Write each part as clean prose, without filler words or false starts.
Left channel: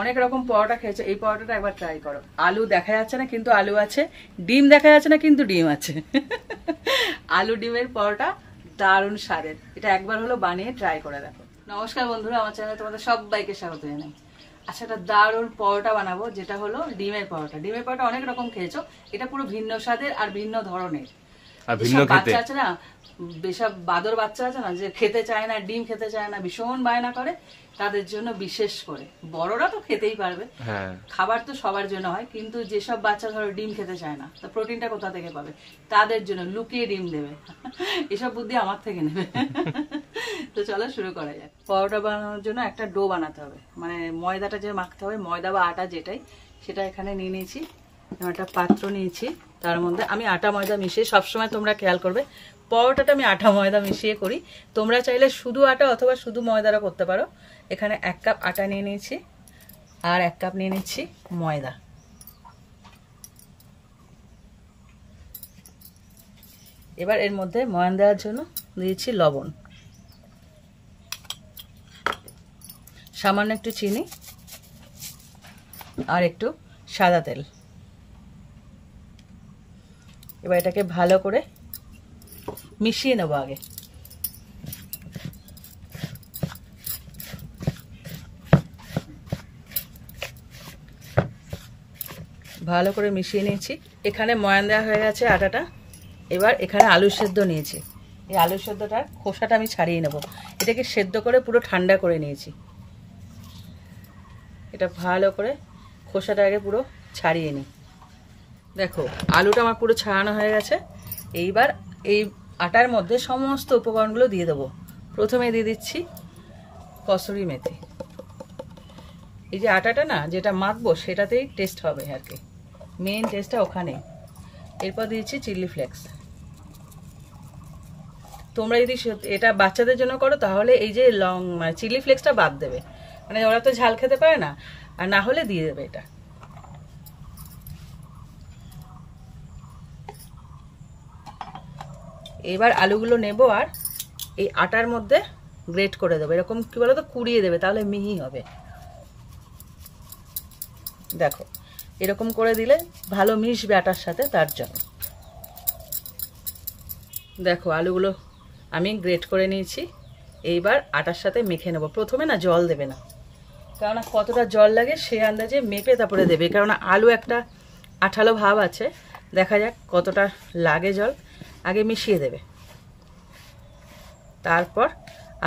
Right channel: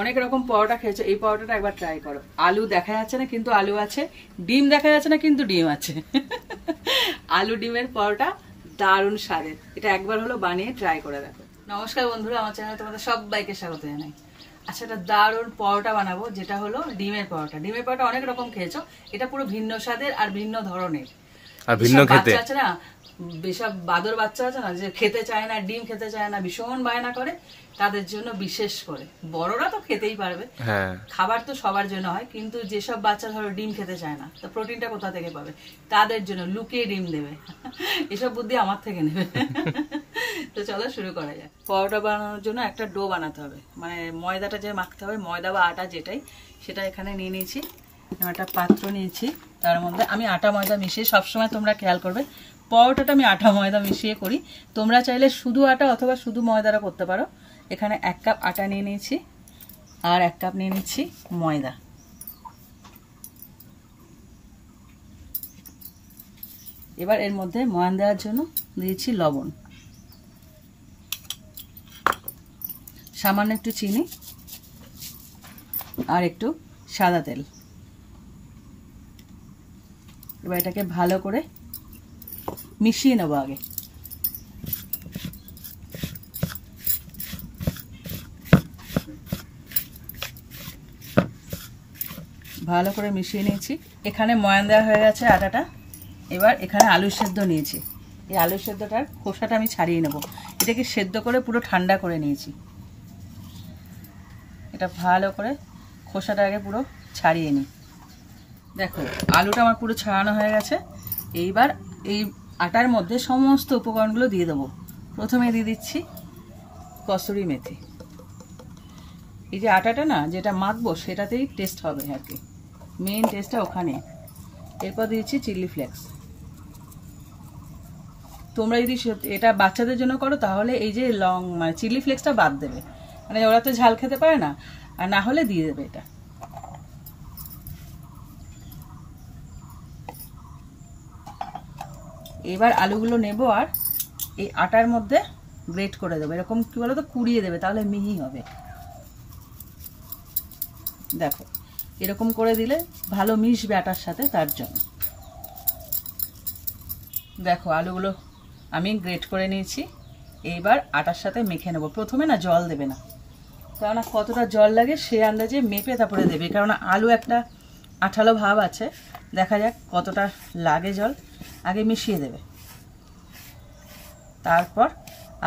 অনেক রকম পরোটা খেয়েছো, এই পরোটাটা একবার ট্রাই করো। আলু দেখা যাচ্ছে না কিন্তু আলু আছে, ডিম দেখা যাচ্ছে না কিন্তু ডিম আছে। আলু ডিমের পরোটা দারুণ স্বাদের, এটা একবার হলো বানিয়ে ট্রাই করে দেখো। নমস্কার বন্ধুরা, আমার চ্যানেলে তোমাদের সবাইকে স্বাগত জানাই। আচ্ছা, একটা দারুণ পরোটা বানাবো, যেটা হলো ডিমের পরোটা। ডিমের পরোটা অনেক রকম খেয়েছো, এটা পুরো ভিন্ন স্বাদের আর ভিন্ন ধরনের। আর ভিন্ন বাচ্চা আছে না, বেসব বাদর বাচ্চা আছে না, যে খেতে চায় না, ডিম খেতে চায় না, ভীষণ বায়না করে, তাদের জন্য বিশেষ করে। বড়রা তো খেতেই পারবে, খাবার তো সবার জন্য হয়, কিন্তু যেসব বাচ্চা ধরো ডিম খেতে চায় না, তো প্রোটিনটা কোথা থেকে পাবে? তাদের জন্য লুকিয়ে ডিম দেবে। এসব বুদ্ধি আমার থেকে নেবে। তো চলো শুরু করা যাক। পরোটা বানানোর জন্য একটা ডো বানাতে হবে, মানে ময়দাটা যে মাখতে হবে, ময়দা বা আটা যেটাই, সেটা এখানে নিয়ে নিয়েছি। একটা পাত্র নিয়েছি, তার মধ্যে আমি আটা ময়দা মিশিয়ে, সবসময় তোমরা খেয়াল করবে পরোটাটা আমি আটা ময়দা মিশিয়ে করি। তোমরা চাইলে শুধু আটা অথবা শুধু ময়দারও করতে পারো। এখানে 1 কাপ আটা নিয়ে নিয়েছি আর 1 কাপ নিয়ে নিচ্ছি ময়দা। এবার এর মধ্যে ময়ান দেওয়ার জন্য দিয়েছি লবণ, সামান্য একটু চিনি আর একটু সাদা তেল। এবার এটাকে ভালো করে মিশিয়ে নেবো। আগে ভালো করে মিশিয়ে নিয়েছি। এখানে ময়ান দেওয়া হয়ে গেছে আটাটা। এবার এখানে আলু সেদ্ধ নিয়েছি, এই আলু সেদ্ধটার খোসাটা আমি ছাড়িয়ে নেব। এটাকে সেদ্ধ করে পুরো ঠান্ডা করে নিয়েছি। এটা ভালো করে খোসাটা আগে পুরো ছাড়িয়ে নিই। দেখো আলুটা আমার পুরো ছাড়ানো হয়ে গেছে। এইবার এই আটার মধ্যে সমস্ত উপকরণগুলো দিয়ে দেবো। প্রথমে দিয়ে দিচ্ছি কসুরি মেথি। এই যে আটাটা না যেটা মাখবো সেটাতেই টেস্ট হবে আর কি, মেন টেস্টটা ওখানে। এরপর দিয়েছি চিলি ফ্লেক্স। তোমরা যদি এটা বাচ্চাদের জন্য করো তাহলে এই যে মানে চিলি ফ্লেক্সটা বাদ দেবে, মানে ওরা তো ঝাল খেতে পারে না, আর না হলে দিয়ে দেবে এটা। এবার আলুগুলো নেব আর এই আটার মধ্যে গ্রেট করে দেবো। এরকম কি বলো তো, কুড়িয়ে দেবে, তাহলে মিহি হবে। দেখো এরকম করে দিলে ভালো মিশবে আটার সাথে, তার জন্য। দেখো আলুগুলো আমি গ্রেট করে নিয়েছি। এইবার আটার সাথে মেখে নেব। প্রথমে না জল দেবে না, কেননা কতটা জল লাগে সে আন্দাজে মেপে তারপরে দেবে, কেননা আলু একটা আঠালো ভাব আছে। দেখা যাক কতটা লাগে জল, আগে মিশিয়ে দেবে, তারপর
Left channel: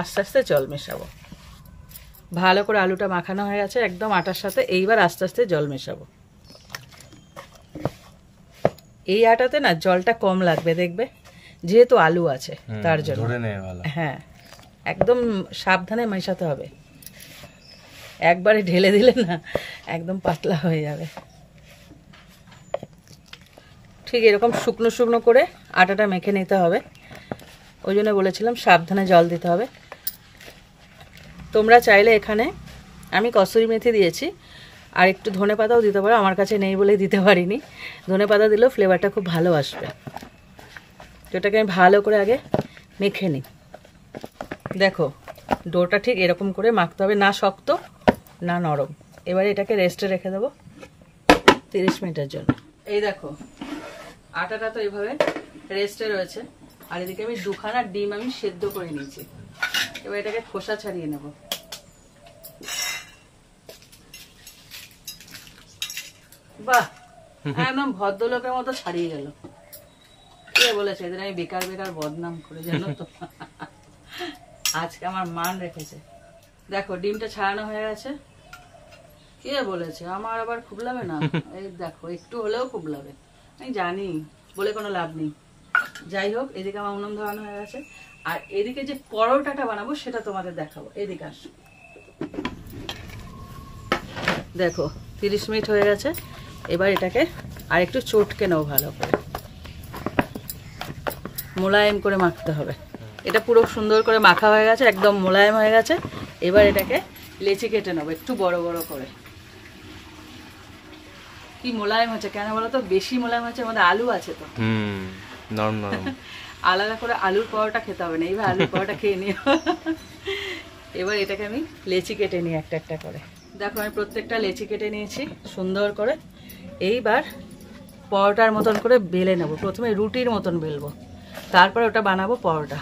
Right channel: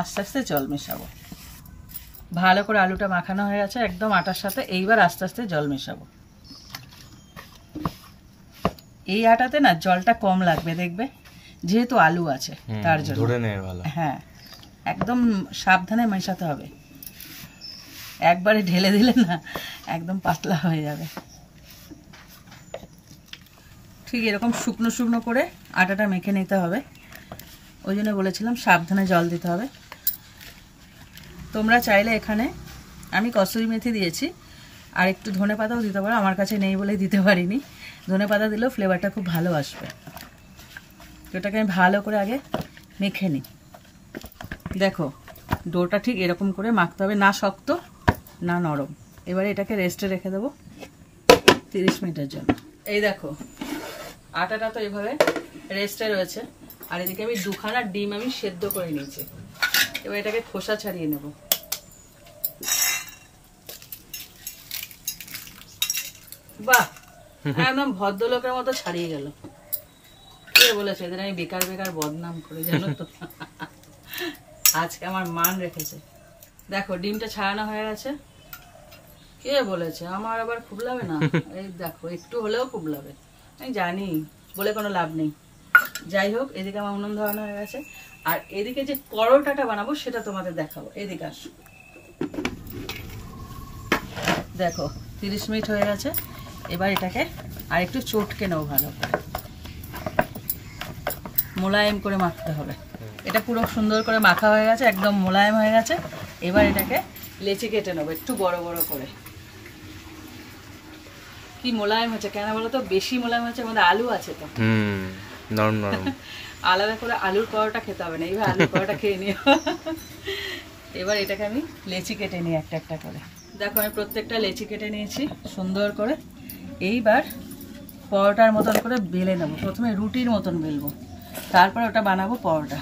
আস্তে আস্তে জল মেশাবো। ভালো করে আলুটা মাখানো হয়ে গেছে একদম আটার সাথে। এইবার আস্তে আস্তে জল মেশাবো। এই আটাতে না জলটা কম লাগবে, দেখবে, যেহেতু আলু আছে তার জন্য। হ্যাঁ, একদম সাবধানে মেশাতে হবে, একবারে ঢেলে দিলে না একদম পাতলা হয়ে যাবে। ঠিক এরকম শুকনো শুকনো করে আটাটা মেখে নিতে হবে। ওই জন্য বলেছিলাম সাবধানে জল দিতে হবে। তোমরা চাইলে এখানে আমি কসুরি মেথি দিয়েছি, আর একটু ধনে পাতাও দিতে পারো, আমার কাছে নেই বলে দিতে পারিনি। ধনে পাতা দিলেও ফ্লেভারটা খুব ভালো আসবে। এটাকে আমি ভালো করে আগে মেখে নিই। দেখো ডোটা ঠিক এরকম করে মাখতে হবে, না শক্ত না নরম। এবারে এটাকে রেস্টে রেখে দেবো 30 মিনিটের জন্য। এই দেখো আটাটা তো এইভাবে রেস্টে রয়েছে, আর এদিকে আমি 2খানা ডিম আমি সেদ্ধ করে নিয়েছি। এবার এটাকে খোসা ছাড়িয়ে নেব। বাহ, একদম ভদ্রলোকের মতো ছাড়িয়ে গেল। কে বলেছে এদের আমি বেকার বেকার বদনাম করে, জানো তো? আজকে আমার মান রেখেছে। দেখো ডিমটা ছাড়ানো হয়ে গেছে। কে বলেছে? আমার আবার খুবলাবে না। এই দেখো একটু হলেও খুবলাবে, আমি জানি, বলে কোনো লাভ নেই। যাই হোক, এদিকে আমার উনুন ধরানো হয়ে গেছে, আর এদিকে যে পরোটাটা বানাবো সেটা তোমাদের দেখাবো। এদিকে আসো। দেখো 30 মিনিট হয়ে গেছে। এবার এটাকে আর একটু চটকে নেবো, ভালো করে মোলায়েম করে মাখতে হবে। এটা পুরো সুন্দর করে মাখা হয়ে গেছে, একদম মোলায়েম হয়ে গেছে। এবার এটাকে লেচি কেটে নেবো একটু বড় বড় করে। কি মোলায়েম হচ্ছে, কেন বলো তো? বেশি মোলায়েম হচ্ছে, আমাদের আলু আছে তো, নরম নরম। আলাদা করে আলুর পরোটা খেতে হবে না, এইভাবে আলুর পরোটা খেয়ে নিও। এবার এটাকে আমি লেচি কেটে নিই একটা একটা করে। দেখো আমি প্রত্যেকটা লেচি কেটে নিয়েছি সুন্দর করে। এইবার পরোটার মতন করে বেলে নেব। প্রথমে রুটির মতন বেলবো, তারপর ওটা বানাবো পরোটা।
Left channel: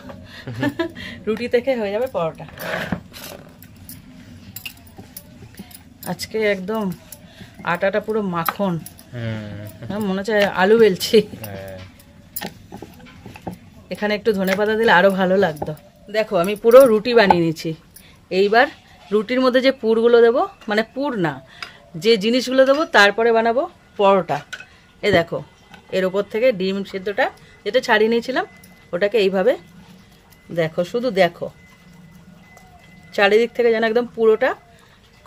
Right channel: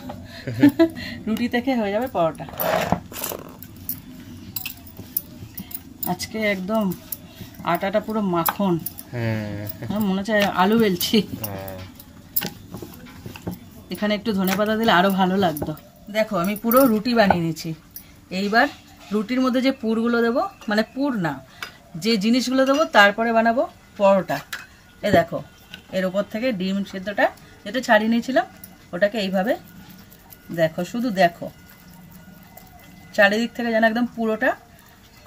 রুটি থেকে হয়ে যাবে পরোটা। আজকে একদম আটাটা পুরো মাখন, মনে হচ্ছে আলু বেলছি। এখানে একটু ধনেপাতা দিলে আরো ভালো লাগতো। দেখো আমি পুরো রুটি বানিয়ে নিয়েছি। এইবার রুটির মধ্যে যে পুরগুলো দেবো, মানে পুর না, যে জিনিসগুলো দেবো তারপরে বানাবো পরোটা। এ দেখো, এর উপর থেকে ডিম সেদ্ধটা যেটা ছাড়িয়ে নিয়েছিলাম ওটাকে এইভাবে দেখো, শুধু দেখো, চারিদিক থেকে যেন একদম পুরোটা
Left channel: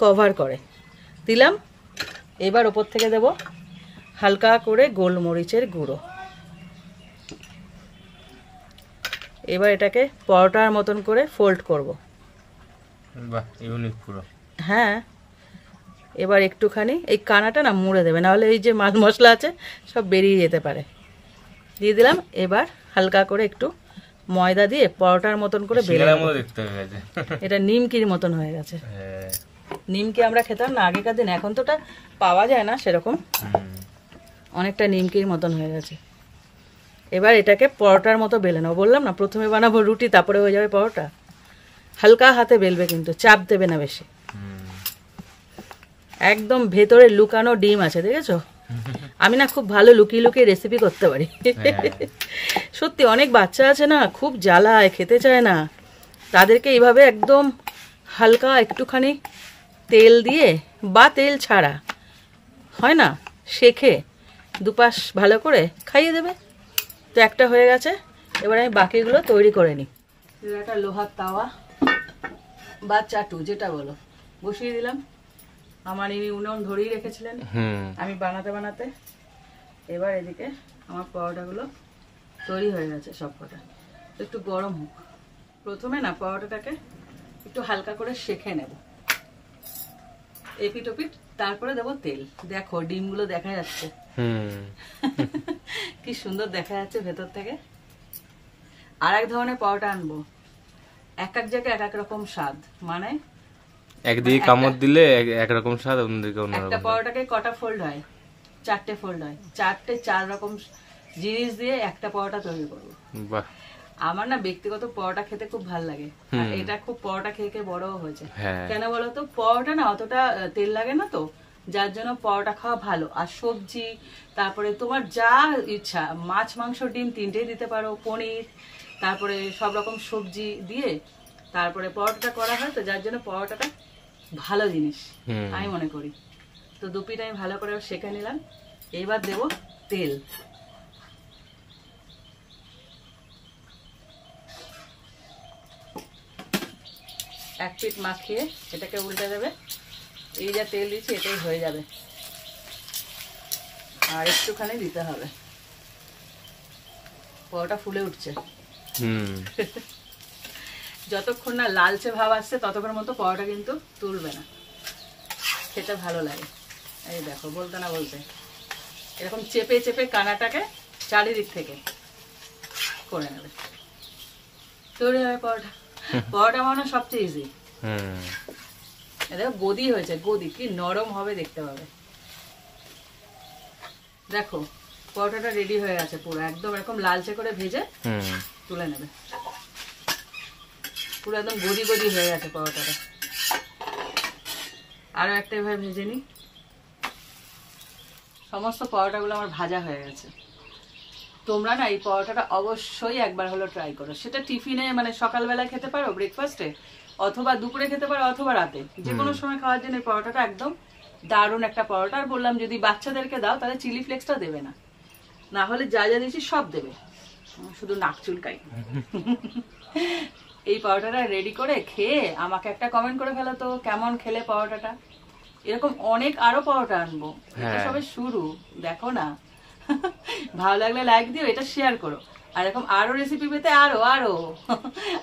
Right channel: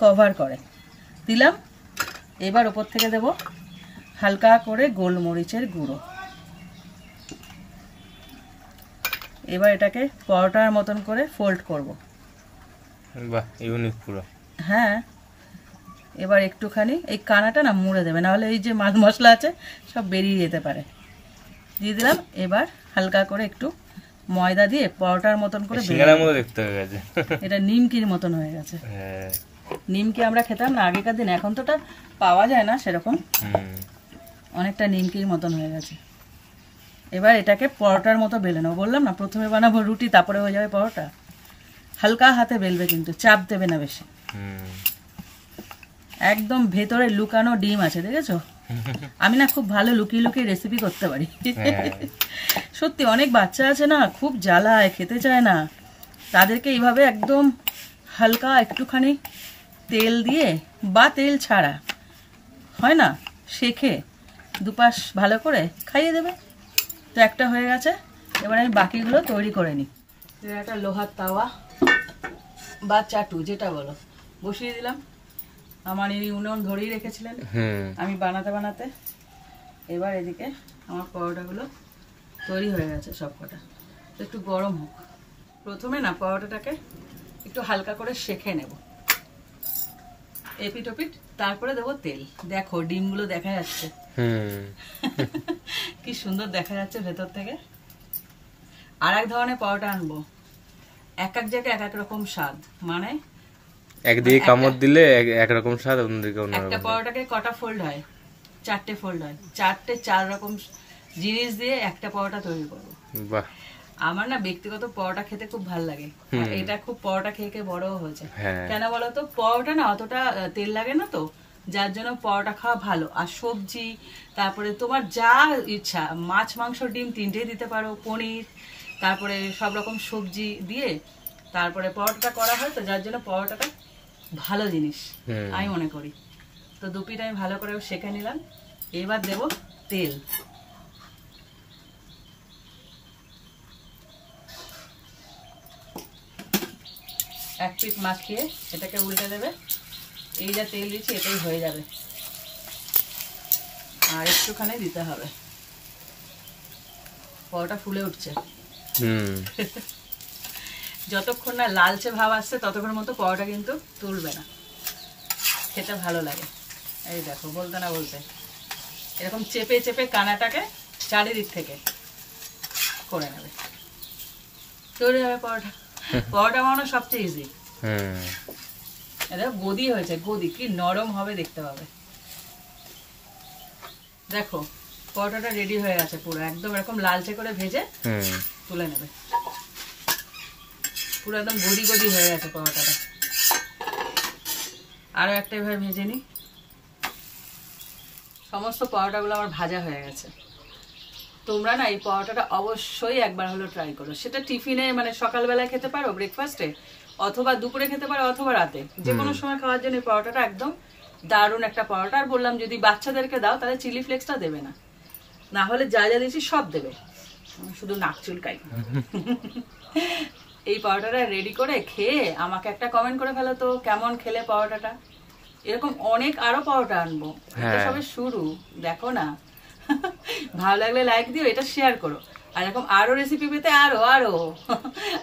কভার করে দিলাম। এবার ওপর থেকে দেব হালকা করে গোলমরিচের গুঁড়ো। এবার এটাকে পরোটার মতন করে ফোল্ড করব। বাহ, ইউনিক পুরো। হ্যাঁ, এবার একটুখানি এই কানাটা না মুড়ে দেবে, নাহলে এই যে মাছ মশলা আছে সব বেরিয়ে যেতে পারে। দিয়ে দিলাম। এবার হালকা করে একটু ময়দা দিয়ে পরোটার মতন করে দেখতে হয়ে গেছে। এটা নিমকির মতন হয়ে গেছে। নিমকি আমরা খেতাম না আগেকার দিন, এখন তো ওটা পাওয়া যায় না সেরকম। অনেকটা নিমকির মতন হয়ে গেছে। এবার এটাকে পরোটার মতো বেলে নেবো। বললাম না প্রথমে বানাবো রুটি, তারপরে হয়ে যাবে পরোটা। হালকা হাতে বেলবে, কিন্তু চাপ দেবে না বেশি। একদম ভেতরে লুকানো ডিম আছে, দেখেছো? আমি না খুব ভালো লুকিয়ে লুকিয়ে রেসিপি করতে পারি। সত্যি অনেক বাচ্চা আছে না, খুব জ্বালায়, খেতে চায় না। তাদেরকে এইভাবে একদম হালকা একটুখানি তেল দিয়ে বা তেল ছাড়া হয় না, শেখে দুপাশ ভালো করে খাইয়ে দেবে। তো একটা হয়ে গেছে। এবার আমি বাকিগুলো তৈরি করে নিই। একটা লোহার তাওয়া বা চাটু যেটা বলো বসিয়ে দিলাম। আমার এই উনুন ধরেই রেখেছিলেন আমি বানাতে বানাতে। এবার এদিকে আমার পরোটাগুলো তৈরি হয়ে গেছে সব কটা। একটু গরম হোক। প্রথমে না পরোটাটাকে একটু হালকা করে সেঁকে নেব, এপিট ওপিট, তারপরে দেবো তেল। দেখো ডিমগুলো দেখা যাচ্ছে, কি সুন্দর দেখা যাচ্ছে ভেতর থেকে। আর এক ধরনের পরোটা আনবো, এক এক জায়গায় এক এক রকম স্বাদ। মানে একদিকে কামড় দিলে একরকম স্বাদ, অন্যদিকে অন্যরকম। একটা পরোটাকে কটা ফোল্ড হয়? 4টে ফোল্ড হয়। 4টে 4 রকম জিনিস দিয়ে একটা পরোটা তৈরি করবো। বাহ, আমার না ব্যক্তিগত পরোটা খেতে খুব ভালো লাগে। এটা খুব পরোটা খেয়ে খেয়ে বড়ও হয়েছে। কেন বলতো, পরোটা না অতটা তেল লাগে না, তো যার জন্য পরোটা খাওয়া ভালো। আর সবজি, তারপরে তোমার যা ইচ্ছা, মাছ মাংস ডিম 3টেই দিতে পারো, পনির, তারপরে সব রকম সবজি দিয়ে তারপরে পরোটাটা করা হয়। তো যার জন্য পরোটাটা ভালো জিনিস আমি মনে করি। তো দুপিটা আমি ভালো করে সেঁকে নিলাম। এইবার দেব তেল। এক পিঠ মাখিয়ে এটাকে উল্টে দেবে। এই যা তেল দিচ্ছি এটাই হয়ে যাবে, আর একটুখানি দিতে হবে। পরোটা ফুলে উঠছে। যতক্ষণ না লালচে ভাব আসছে ততক্ষণ মতো পরোটা কিন্তু তুলবে না, খেতে ভালো লাগে। এই দেখো, বলতে না বলতে এরকম চেপে চেপে কানাটাকে চারিদিক থেকে করে নেবে, তৈরি হবে পরোটা। পরোটা বানানো সবচেয়ে ইজি। এটা গদি হয়েছে, গদি কি নরম হবে দেখতে পাবে। দেখো পরোটাটা রেডি হয়ে আছে পুরো, একদম এরকম লালচে করে ভেজে তুলে নেবে। পুরো একদম গদি গদি হয়ে গেছে পরোটাটা। আরো একটা এভাবে ভেজে নি। সমস্ত পরোটাগুলো আমার ভাজা হয়ে গেছে। তোমরা না এই পরোটাটা অবশ্যই একবার হলো ট্রাই করো। সেটা টিফিনে, মানে সকালবেলায় খেতে পারো, ব্রেকফাস্টে, অথবা দুপুরে খেতে পারো, অথবা রাতে, যে কোনো সময় খাওয়ার জন্য এই পরোটাটা একদম দারুণ একটা পরোটা। আর বললাম যদি বাচ্চাদেরকে দাও তাহলে চিলি ফ্লেক্সটা দেবে না, না হলে যা যা দিয়েছি সব দেবে, শুধু নাক চুলকাই। এই পরোটাটা রেডি করে খেয়ে আমাকে একটা কমেন্ট করে ফেলো তো কেমন খেলে পরোটাটা। এরকম অনেক আরো পরোটা আনবো, এটা সবে শুরু, দেখো না। ভালো লাগলে লাইক দিও, এটা শেয়ার করো। আর এরকম আরো রেসিপি পেতে আরো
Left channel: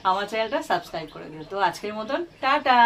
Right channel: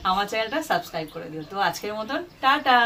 আমার চ্যানেলটা সাবস্ক্রাইব করে দিও। তো আজকের মতন টাটা।